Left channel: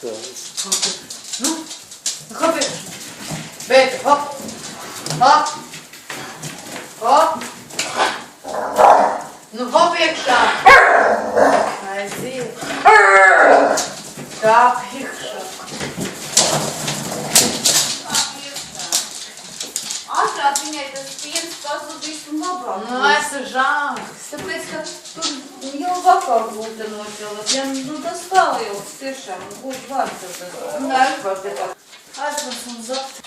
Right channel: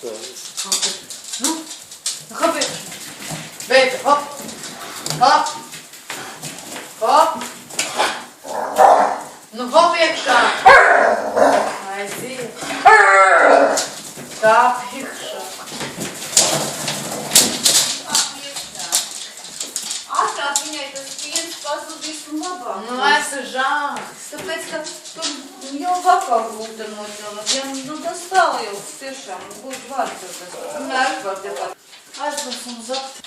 Ну, хопи. Бейте, хоп. Хоп. Хоп. Nu, hop iekšā. Aiziet. Tā iekšā. Ātrāk viņai tas piens pazudīs un labāk. Nu, esmu žāks. Tāpēc, ka tur jau vakar būtu noķelēt. Ja, nu, tas tālajūks tiešām, būtu vārds ar tas. Nē, var te pat. Aizvars un zapt.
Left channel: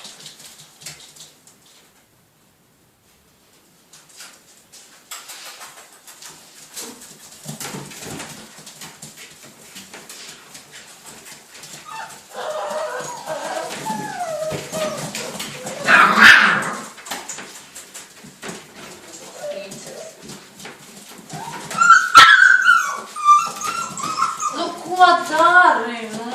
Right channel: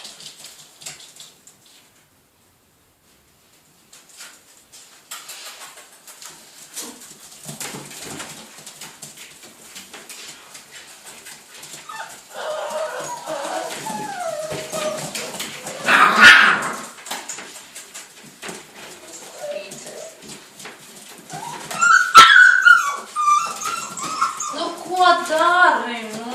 Nu, ko dari, nu?